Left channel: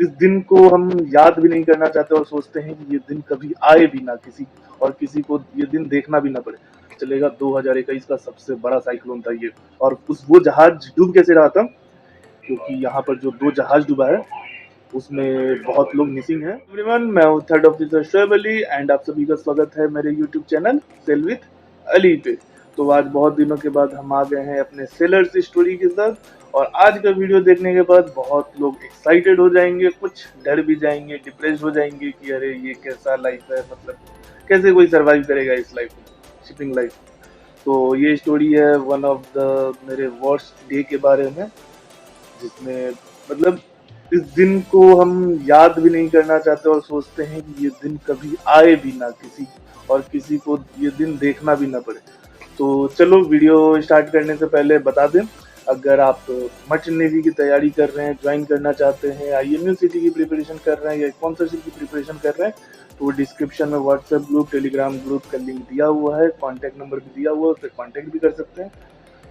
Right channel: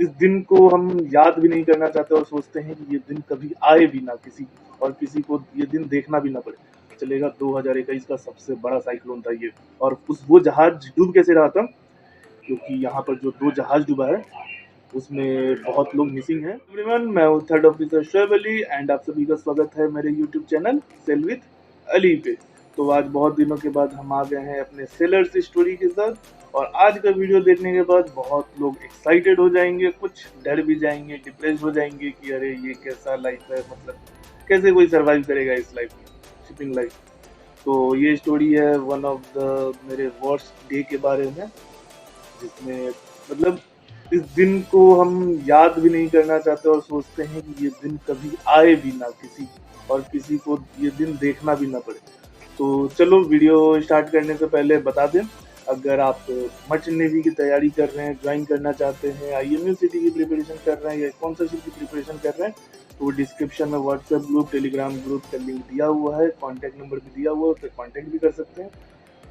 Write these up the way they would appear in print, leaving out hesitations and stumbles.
इस दिन को हम याद भी नहीं करना चाहते और सोचते हैं कि ये दिन कभी आए भी ना किसी को ये दिन देखना भी ना पड़े। चलेगा 2021 का सबसे बड़ा साइक्लोन था ये। और उस वो जहाज डूब कैसे रहा था, क्योंकि यहाँ पर जो 2 जहाज डूबा है उसमें बहुत लोग मिसिंग हैं। एवरीवन, मैं हूँ third officer Shoaib Ali and आप सभी का स्वागत है मेरे YouTube channel sail with Ali पे। तो आज बहुत दिनों के बाद हम आ गए हैं अपने सेलर्स स्टोरी के साथ, और आज का वीडियो देखने के बाद बहुत लोग एक्साइटेड हो जाएंगे, कुछ डर भी जाएंगे, डिप्रेस हो जाएंगे कि अरे ये कैसा लाइफ है, मतलब कैसे कोई सर्वाइव करेगा इस लाइफ में, शिपिंग लाइफ। तो ये स्टोरी है वन ऑफ द मेरे वर्स्ट डे के बारे में, जिसमें मतलब इस दिन को हम याद भी नहीं करना चाहते और सोचते हैं कि ये दिन कभी आए भी ना किसी को ये दिन देखना भी ना पड़े। तो चलो वीडियो स्टार्ट करने से पहले बता दें, अगर आप मर्चेंट नेवी की तैयारी कर रहे हैं, ज्वाइन करना चाहते हैं, IMU सिटी की प्रिपरेशन कर रहे हैं या स्पॉन्सरशिप की प्रिपरेशन कर रहे हैं, तो डिस्क्रिप्शन में व्हाट्सएप ग्रुप, टेलीग्राम ग्रुप का लिंक दिया हुआ है, कॉन्टैक्ट नंबर भी दिया हुआ है, उससे कॉन्टैक्ट भी कर सकते हैं।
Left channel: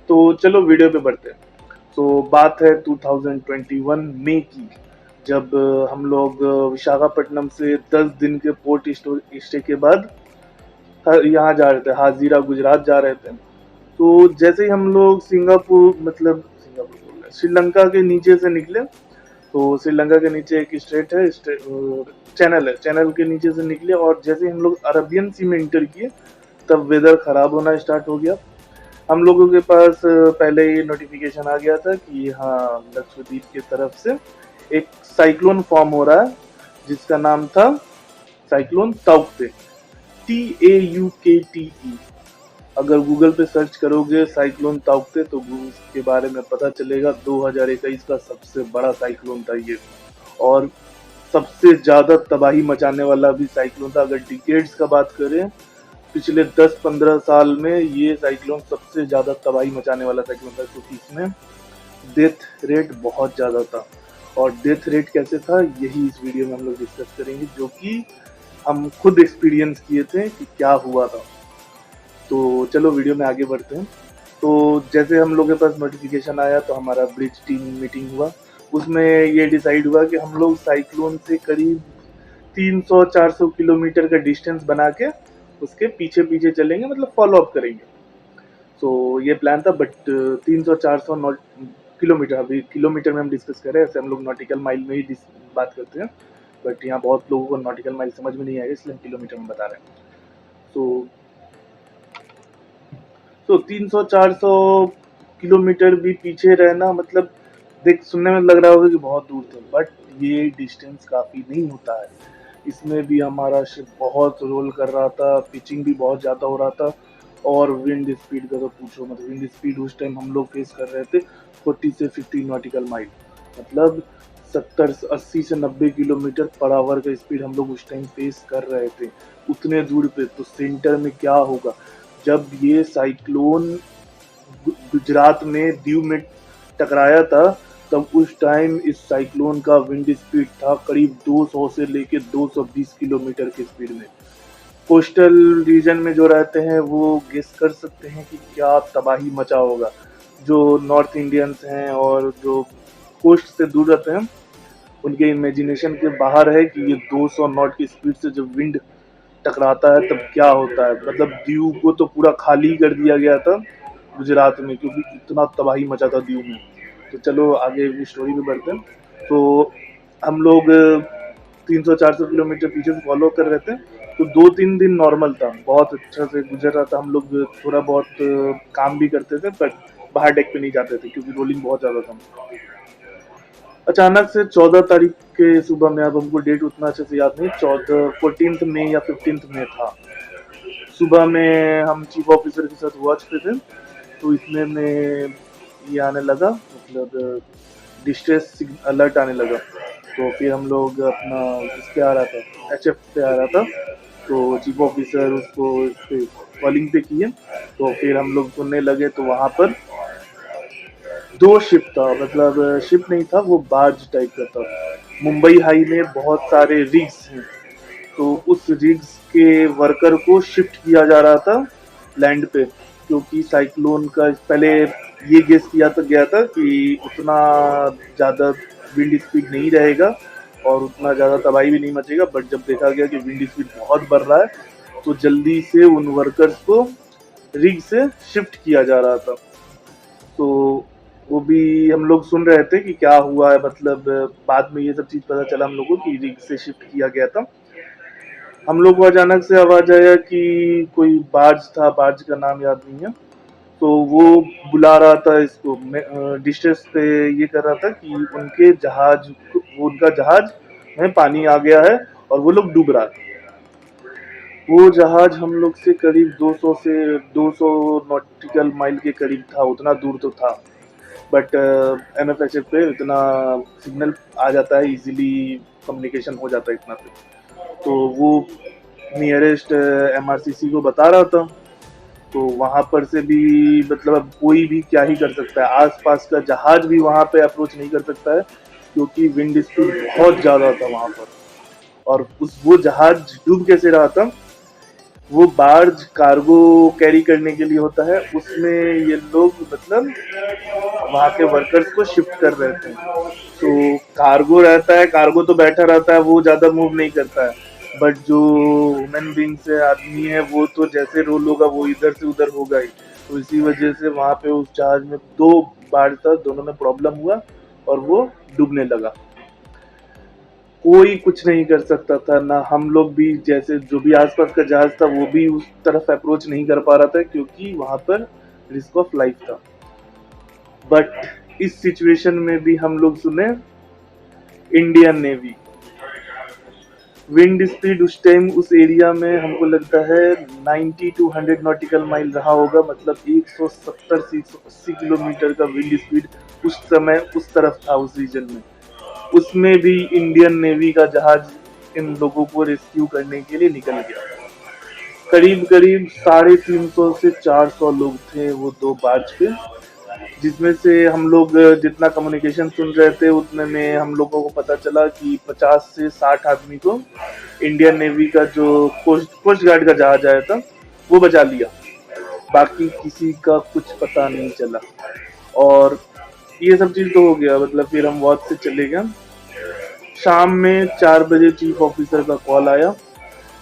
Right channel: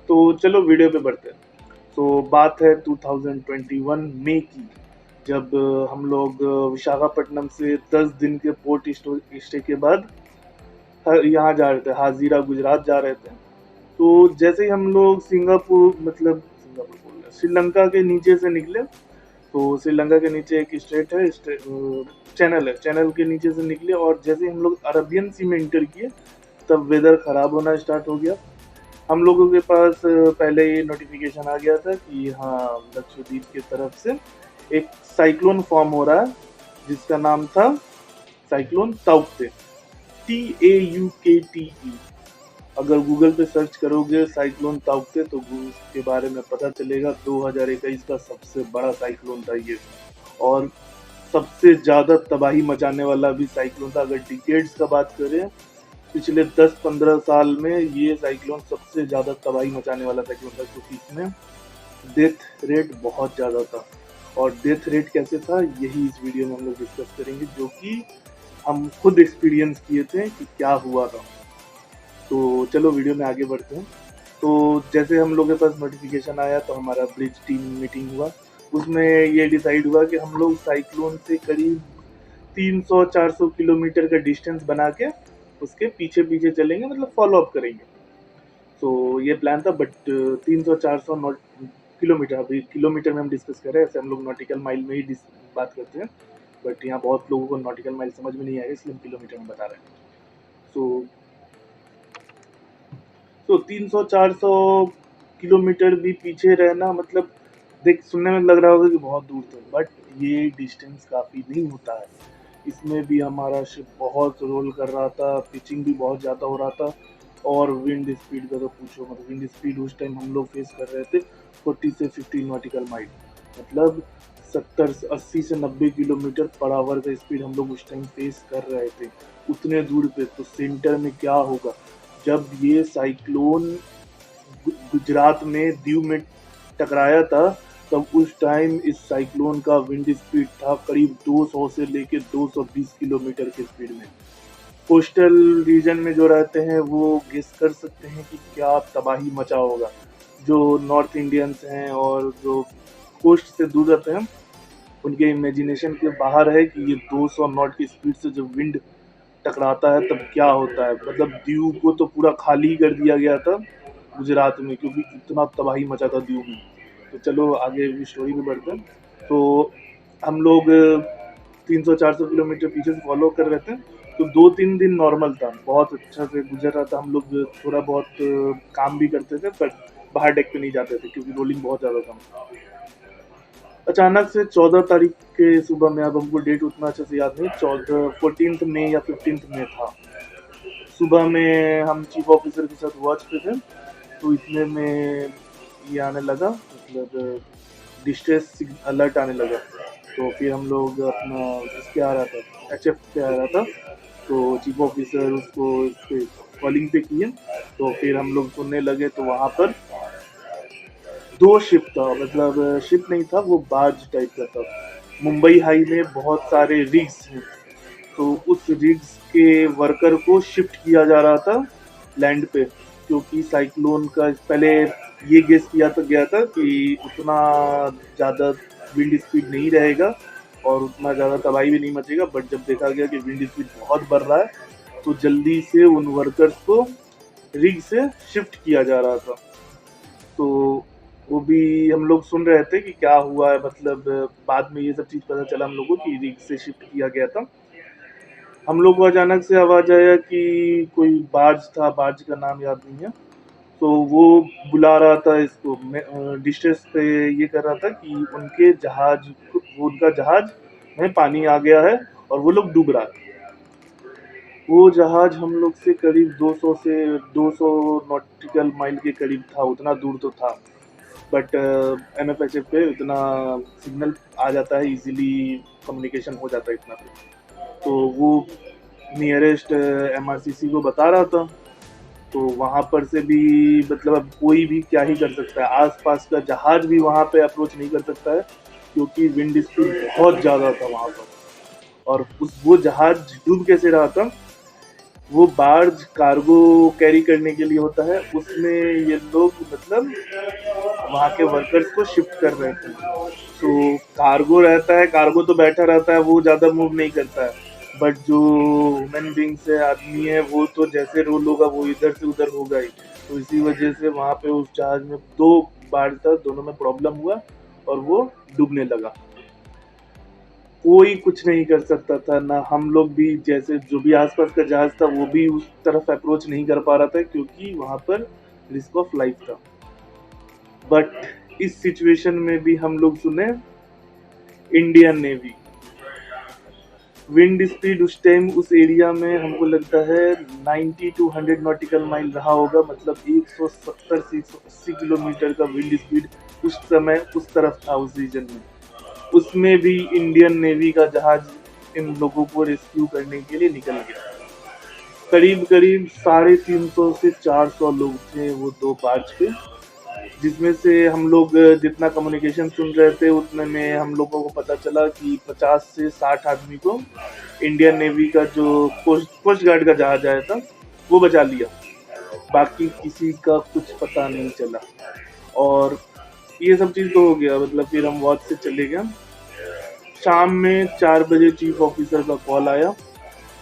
तो चलो वीडियो पे बढ़ते हैं। तो बात है 2021 मई की, जब हम लोग विशाखापट्टनम से 10 दिन के पोर्ट स्टे के बाद यहाँ जा रहे थे, हाजीरा गुजरात जा रहे थे। तो जैसे ही हम लोग सिंगापुर बोल रहे, श्रीलंका के नीचे से निकले, तो श्रीलंका के नीचे एक स्ट्रेट है, चैनल है, चैनल के नीचे से निकले और जैसे ही हम लोग अरबियन सी में इंटर किए तब वेदर खराब होना स्टार्ट हो गया। हम लोगों के पास पहले ही नोटिफिकेशन आ गया था कि हाँ, लक्षद्वीप की तरफ से एक साइक्लोन फॉर्म हो रहा है, जिसका नाम था साइक्लोन ताउक्ते, TAUKTE। अगर गूगल पे सर्च करोगे साइक्लोन ताउक्ते तो उसके बारे में पता चलेगा। 2021 का सबसे बड़ा साइक्लोन था ये, और सबसे ज्यादा तबाही मचाने वाला भी साइक्लोन था। अगर डिकेड्स का बात करें, पिछले 10-15 साल में ये साइक्लोन सबसे ज्यादा तबाही मचाने वाला साइक्लोन था, क्योंकि इसमें डेथ रेट बहुत ज्यादा था। और डेथ रेट कैसे था, यही इस वीडियो में हम लोग डिस्कस करेंगे, जो कि हम खुद एक्सपीरियंस किए थे कि क्या हुआ था। तो चलो वीडियो में आगे बढ़ते हैं। तो जैसे हम लोग के पास नोटिफिकेशन आया तो हमारा ब्रिज टीम मीटिंग हुआ। उसमें ये डिसाइड हुआ कि हम लोग साइक्लोन से करीब 300-400 किलोमीटर का डिस्टेंस बना के उसके पीछे पीछे चलेंगे, मतलब फॉलो अप करेंगे। तो ये प्लान था, बट 300-400 किलोमीटर, अभी किलोमीटर में हम डिस्कस कर रहे हैं, ऐसे हम लोग नॉटिकल माइल में ही बात करते हैं, बट यहाँ बहुत लोगों को नॉटिकल माइल समझ में नहीं आएगा, इसलिए हम किलोमीटर में बता रहे हैं। तो 300-400 किलोमीटर भी पीछे रहना, मतलब देख सुनने में लग रहा होगा कि बहुत दूर थे, बट ये डिस्टेंस काफ़ी नहीं होता है। इसमें भी हमारा शिप बहुत रोल कर रहा था, पिचिंग भी बहुत ज़्यादा हो रहा था, और विंड स्पीड का तो पूछो मत। विंड स्पीड उस टाइम हम लोग फेस कर रहे थे 40 से 50 नॉटिकल माइल, मतलब 70-80 से 90 किलोमीटर पर आवर का स्पीड हम लोग उस टाइम फेस कर रहे थे उतने दूर पे। तो सेंटर में क्या होगा, जब ये साइक्लोन गुजरात में दीव में टकराया था, तब उस टाइम इस साइक्लोन का विंड स्पीड था करीब 200 से लेके 220 किलोमीटर की स्पीड में। कोस्टल रीजन में जो रहते हैं वो गेस कर सकते हैं कि क्या तबाही मचा होगा। जो नॉर्थ इंडियंस हैं और जो कोस्ट से दूर रहते हैं, उनके इमेजिनेशन के बाहर है कि ये 200 नॉट की स्पीड से जब विंड टकराता है तब क्या होता है। मतलब दीव को तो पूरा खाली कर दिया गया था गुजरात में, क्योंकि इतना तबाही मचा था दीव में। तो चलो आगे स्टोरी में बढ़ते हैं। तो हम लोग 300-400 किलोमीटर पीछे से फॉलो कर रहे थे। तो 2-3 दिन नॉर्मल था, बहुत अच्छा से गुजर रहा था। हम लोग थोड़ा बहुत काम भी करते थे, बट बाहर डेक पे नहीं जाते थे क्योंकि रोलिंग बहुत ज़्यादा था। अचानक से 14 तारीख के सुबह में, अब हमको डेट उतना अच्छे से याद नहीं, 14 मई या 15 मई था। सुबह में हम चीफ ऑफिसर के साथ वॉच पे थे, तो इतने में ये आने लगा, मतलब डिस्ट्रेस अलर्ट आने लगा। तो फिर हम लोग अपना इस पे आ रहा था, HF पे आ रहा था, तो चीफ ऑफिसर उसको कॉलिंग पे किए। तो फिर हम लोग सुनने लगे, तो वहाँ पर 2 शिप था, मतलब शिप नहीं था, वो बार्ज टाइप का था। मुंबई हाई में बहुत सारे रिग्स हैं, तो उस रिग्स के वर्कर को शिफ्ट किया जा रहा था लैंड पे, क्योंकि साइक्लोन का पहले ये गेस किया तो गया था कि उतना ज़्यादा विंड स्पीड नहीं रहेगा, और उतना ज़्यादा तबाही भी नहीं मचेगा, बट जब देखा गया कि विंड स्पीड बहुत बढ़ रहा है तो जल्दी से उन वर्कर्स को रिग से शिफ्ट किया जा रहा था। तो वो भी हम लोग सुन रहे थे कि क्या हुआ है, मतलब बाद में ये सब चीज़ पता चला हम लोगों को कि रिग से शिफ्ट किया गया था। हम लोग को अचानक से आवाज़ आया कि कोई बार्ज था, बार्ज का नाम याद नहीं है, तो वो बुला रहा था इसको डिस्ट्रेस पे, ये कर रहा था कि उनके जहाज, वो उनका जहाज में पानी आ गया है और वो लोग डूब रहा था। वो जहाज हम लोग से करीब 200 से 200 नॉटिकल माइल के करीब था, उतना दूर तो था, बट एमएफएचएफ पे इतना सिग्नल आ जाता है, इजीली कम्युनिकेशन हो जाता है इतना पे। तो वो नियरेस्ट एमआरसीसी को बता रहा था, तो वहां पर से भी मतलब अब कोई भी क्या ही कर सकता है, आसपास का जहाज भी वहां पे अप्रोच नहीं कर सकता है क्योंकि विंड स्पीड बहुत ज्यादा था वहां पर। और उस वो जहाज डूब कैसे रहा था, वो बार्ज कार्गो कैरी करने के लिए होता है, उसमें ये लोग मतलब वहाँ के वर्कर्स को शिफ्ट कर रहे थे। तो कार्गो रहता है, कार्गो तो बैठा रहता है, वो ज़्यादा मूव नहीं करता है, बट जो ह्यूमन बींग्स है, आदमी है, वो तो जैसे रोल होगा वो इधर से उधर होगा ही। तो इसी वजह से वहाँ पे उस जहाज में 2 बार था, दोनों में प्रॉब्लम हुआ और वो डूबने लगा। कोई कुछ नहीं कर सकता था, ना हम लोग भी, जैसे जो भी आसपास का जहाज था वो भी उस तरफ अप्रोच नहीं कर पा रहा था क्योंकि वहां पर रिस्क ऑफ लाइफ था। बट इस सिचुएशन में भी हम लोग सुने इंडियन नेवी। विंड स्पीड उस टाइम उस एरिया में हमको लगता है 90 टू 100 नॉटिकल माइल रहा होगा, मतलब 170 से 180 किलोमीटर का विंड स्पीड उस समय उस तरफ था, उस रीजन में। उसमें भी इंडियन नेवी का जहाज इन लोगों को रेस्क्यू करने के लिए निकल गया। करीब करीब 350 से 400 लोग थे वो 2 बार्ज पे, जिसमें से हम लोग जितना कम्युनिकेशन सुन रहे थे उतने में हम लोगों को पता चला कि 50 से 60 आदमी को इंडियन नेवी का जो कोस्ट गार्ड का जहाज आया था वो बचा लिया, बाकी किसी का कुछ पता नहीं चला। और ये सब चीज़ तो हो गया, मतलब फिर हम वॉच से चले गए। शाम में 4 बजे चीफ ऑफिसर का कॉल आया।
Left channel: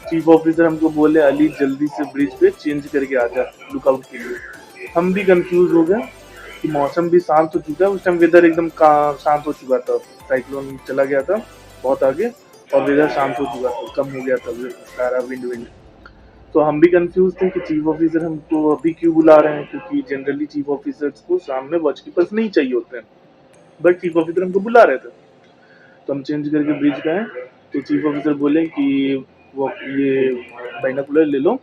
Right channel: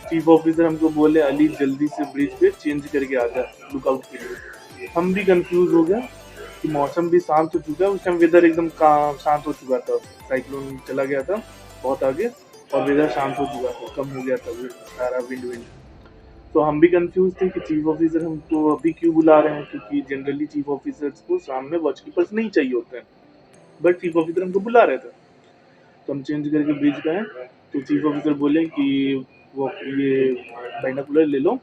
चीफ ऑफिसर हमको बोले अली जल्दी से ब्रिज पे चेंज करके आ जा लुकआउट के लिए। हम भी कंफ्यूज हो गए कि मौसम भी शांत हो चुका है, उस टाइम वेदर एकदम शांत हो चुका था, साइक्लोन चला गया था बहुत आगे और वेदर शांत हो चुका था, कम हो गया था सारा विंड। तो हम भी कंफ्यूज थे कि चीफ ऑफिसर हमको अभी क्यों बुला रहे हैं, क्योंकि जनरली चीफ ऑफिसर्स को सामने वॉच कीपर्स नहीं चाहिए होते हैं, बट चीफ ऑफिसर हमको बुला रहे थे। तो हम चेंज करके ब्रिज पे आए, तो चीफ ऑफिसर बोले कि वो ये बाइनोकुलर ले लो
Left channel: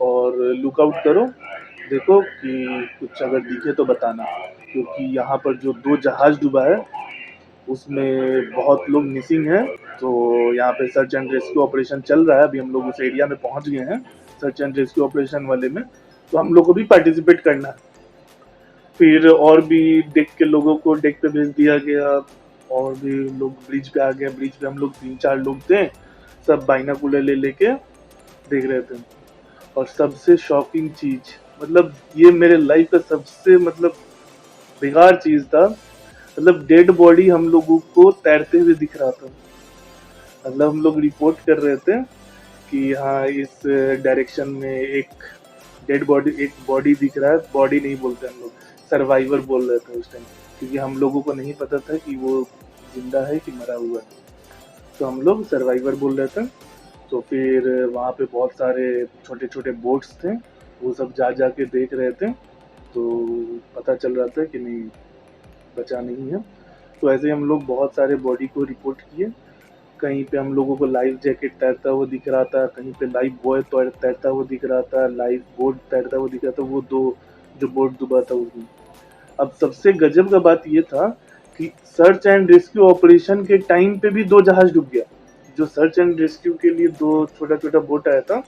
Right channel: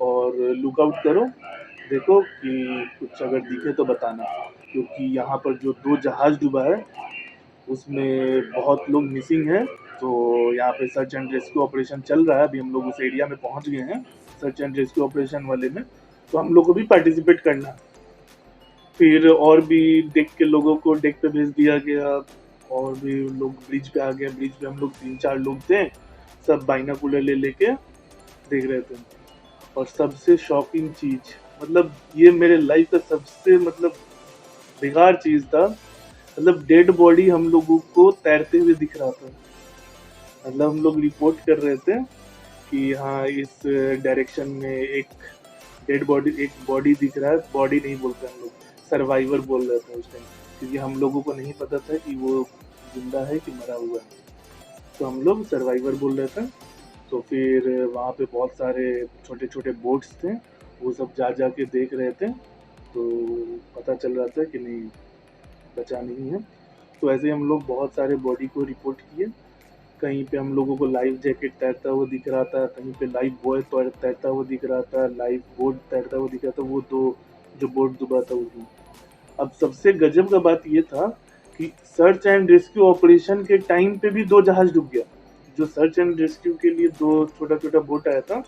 और लुकआउट करो, देखो कि कुछ अगर दिखे तो बताना, क्योंकि यहाँ पर जो 2 जहाज डूबा है उसमें बहुत लोग मिसिंग हैं। तो यहाँ पे सर्च एंड रेस्क्यू ऑपरेशन चल रहा है, अभी हम लोग उस एरिया में पहुँच गए हैं सर्च एंड रेस्क्यू ऑपरेशन वाले में, तो हम लोग को भी पार्टिसिपेट करना है। फिर और भी डेक के लोगों को डेक पे भेज दिया गया, और भी लोग ब्रिज पे आ गए। ब्रिज पे हम लोग 3-4 लोग थे, सब बाइनोकुलर ले लेके देख रहे थे। और सबसे शॉकिंग चीज, मतलब ये मेरे लाइफ का सबसे मतलब बेकार चीज था, मतलब डेड बॉडी हम लोगों को तैरते हुए दिख रहा था। मतलब हम लोग रिपोर्ट कर रहे थे कि हाँ इस डायरेक्शन में एक डेड बॉडी, एक बॉडी दिख रहा है, बॉडी नहीं बोलते हम लोग, सर्वाइवर बोल रहे थे उस टाइम, क्योंकि हम लोगों को नहीं पता था कि वो जिंदा है कि मरा हुआ है, तो हम लोग सर्वाइवर बोल रहे थे। तो फिर वहाँ पे बहुत सारे छोटे छोटे बोट्स थे, वो सब जा जा के देख रहे थे, तो पता चल रहा था कि नहीं, बचा नहीं है। तो ऐसे हम लोग बहुत सारे बॉडी को रिपोर्ट किए। कहीं पे हम लोगों को लाइफ जैकेट तैरता हुआ दिख रहा था, कहीं पे लाइफ बॉय तैरता हुआ दिख रहा था, लाइफ बोट तैरता हुआ दिख रहा था, वो 2 जो बोट डूबा था उसमें। अब सबसे गजब का बात ये था कि सर्च एंड रेस्क्यू ऑपरेशन के टाइम पे भी 2 जहाज डूब गया। जो सर्च एंड रेस्क्यू के लिए 2 छोटा छोटा बोट आया था,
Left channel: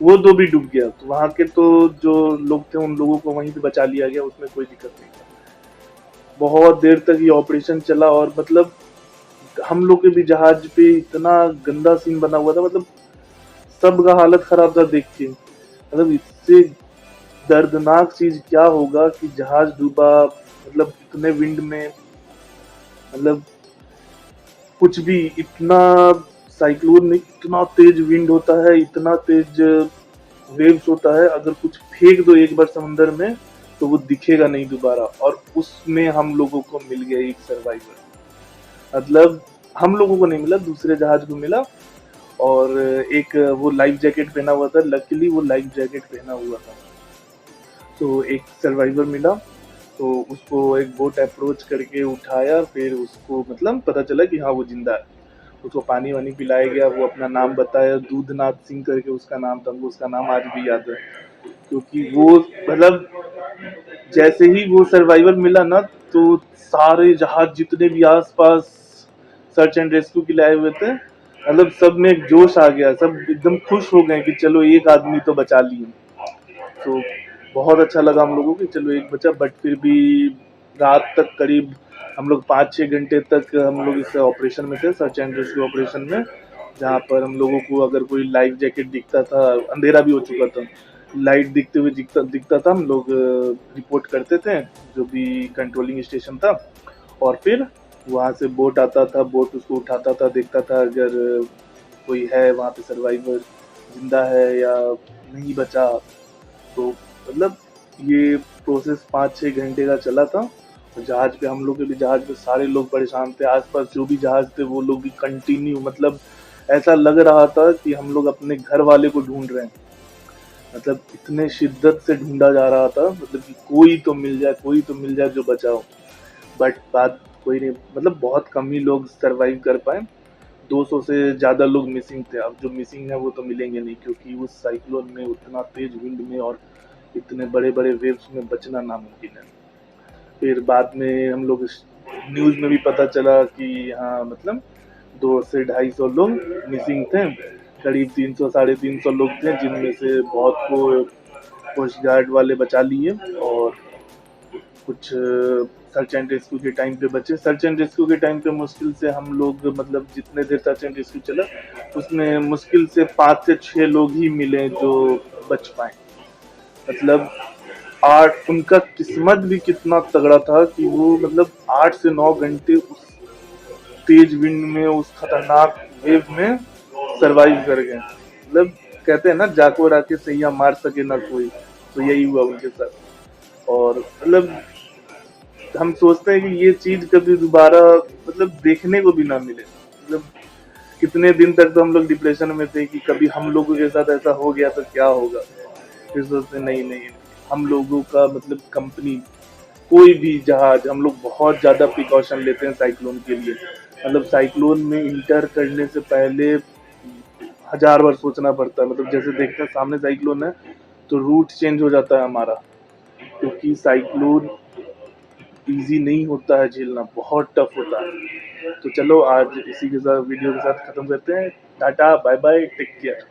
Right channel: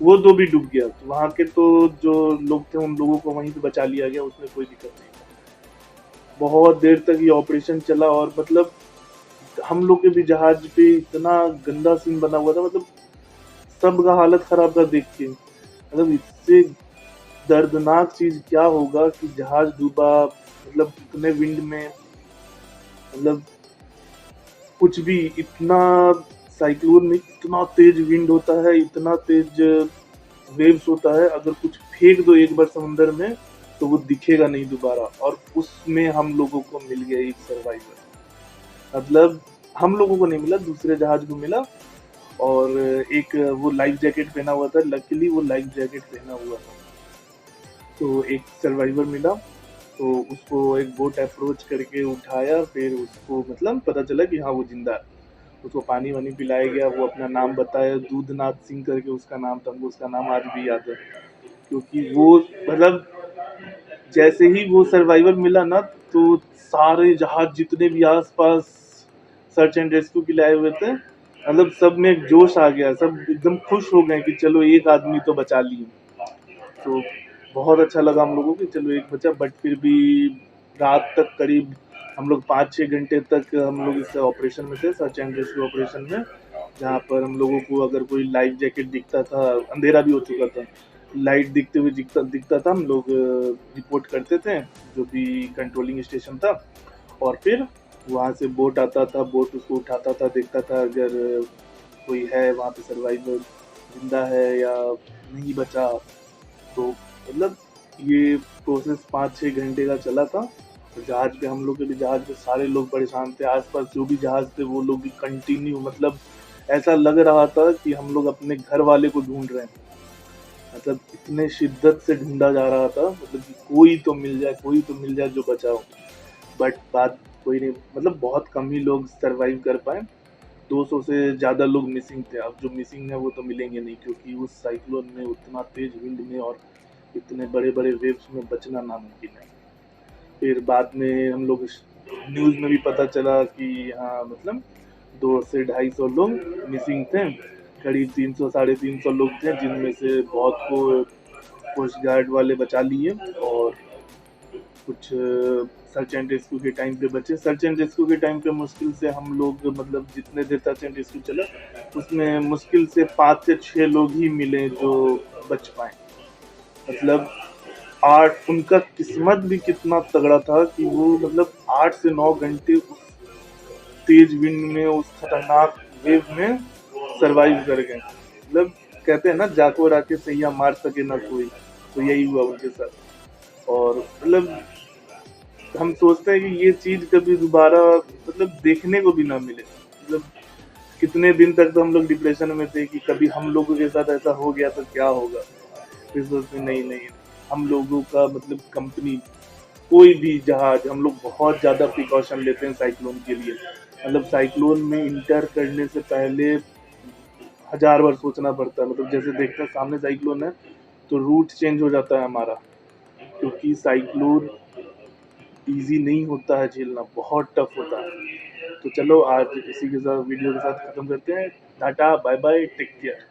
वो 2 भी डूब गया। तो वहाँ के तो जो लोग थे उन लोगों को वहीं पे बचा लिया गया, उसमें कोई दिक्कत नहीं। बहुत देर तक ये ऑपरेशन चला, और मतलब हम लोग के भी जहाज पे इतना गंदा सीन बना हुआ था, मतलब सबका हालत खराब था देख के। मतलब इससे दर्दनाक चीज क्या होगा कि जहाज डूबा, मतलब इतने विंड में, मतलब कुछ भी, इतना साइक्लोन में इतना तेज विंड होता है, इतना तेज वेव्स होता है, अगर कुछ फेंक दो एक बार समंदर में तो वो दिखेगा नहीं दोबारा। और उसमें हम लोगों को मिल गया एक सर्वाइवर, मतलब हम लोगों को नहीं मिला, दूसरे जहाज को मिला। और एक वो लाइफ जैकेट पहना हुआ था, लकीली वो लाइफ जैकेट पहना हुआ था। तो एक सर्वाइवर मिला, तो उसको एक बोट अप्रोच करके उठाया, फिर उसको मतलब पता चला कि हाँ वो जिंदा है। उसको पानी वानी पिलाया गया, वो अपना नाम बताया, दूधनाथ सिंह करके उसका नाम था, हमको उसका नाम आज भी याद है। क्योंकि वो मतलब जैसे ही वो सर्वाइवर मिला ना, तो सारे जहाज जितने भी आसपास सर्च एंड रेस्क्यू के लिए आए हुए थे, मतलब सब में एक जोश आ गया, सब एकदम खुश हो गए कि चलो एक आदमी तो बचा लिए। तो बहुत अच्छा लगा हम लोगों को, चलो एक बचा। बट फिर भी रात तक करीब हम लोग 5-6 घंटे तक हम लोग इस ऑपरेशन में थे, सर्च एंड रेस्क्यू ऑपरेशन में, जहाँ पर हम लोगों को अगर कोई लाइफ जैकेट दिखता था, अंधेरा भी हो चुका था, लाइट दिखते हुए दिखता दिखता था, हम लोग रिपोर्ट करते थे जो भी कंट्रोलिंग स्टेशन था। और फिर वहाँ से बोट आता था, बोट उसको उठाता था, देखता था अगर कोई है वहाँ पे सर्वाइवर, जिंदा है या नहीं बचा। तो मतलब ये प्रोसेस 5-6 घंटे का चला था। जहाज पे हम लोग के भी, जहाज पे सारे लोग परेशान थे, आसपास जो भी जहाज थे वो लोग भी कंटिन्यू, मतलब ऐसा लग रहा था कि हम लोग अपने घर वाले को ढूंढ रहे हैं। मतलब इतने शिद्दत से ढूंढा जा रहा था, मतलब कि कोई तो मिल जाए, कोई तो मिल जाए जो बचाओ। बट बात कोई नहीं, मतलब बहुत कम ही लोग सरवाइव कर पाए। 200 से ज़्यादा लोग मिसिंग थे। अब जो मिसिंग है वो तो मिलेंगे नहीं, क्योंकि उस साइक्लोन में उतना तेज विंड में और इतने बड़े बड़े वेव्स में बचना नामुमकिन है। फिर बाद में हम लोग न्यूज़ में भी पता चला कि हाँ मतलब 200 से 250 लोग मिसिंग थे। करीब 300 350 लोग थे, जिनमें से बहुत को कोस्ट गार्ड वाले बचा लिए, और कुछ सर्च एंड रेस्क्यू के टाइम पे बचे। सर्च एंड रेस्क्यू के टाइम पे मुश्किल से हम लोग, मतलब जितने देर सर्च एंड रेस्क्यू चला, उसमें मुश्किल से 5 से 6 लोग ही मिले जो बच पाए। मतलब 8, उनका किस्मत भी कितना तगड़ा था कि वो मतलब 8 से 9 घंटे उस तेज विंड में, उस खतरनाक वेव में सरवाइव कर गए। मतलब कहते हैं ना, जाको राके सैया मार सके ना कोई, तो यही हुआ उनके साथ। और मतलब हम सोचते हैं कि ये चीज कभी दोबारा मतलब देखने को भी ना मिले। मतलब कितने दिन तक तो हम लोग डिप्रेशन में थे कि कभी हम लोगों के साथ ऐसा हो गया तो क्या होगा। फिर सोचते नहीं नहीं, हम लोगों का मतलब कंपनी, कोई भी जहाज, हम लोग बहुत ज़्यादा प्रिकॉशन लेते हैं साइक्लोन के लिए। मतलब साइक्लोन में इंटर करने से पहले 1000 बार सोचना पड़ता है। मतलब जैसे देखते हैं सामने साइक्लोन है तो रूट चेंज हो जाता है हमारा, क्योंकि साइक्लोन इजी नहीं होता है झेलना, बहुत टफ होता है। तो चलो आज इसी के साथ वीडियो के साथ खत्म करते हैं। Tata bye bye, take care.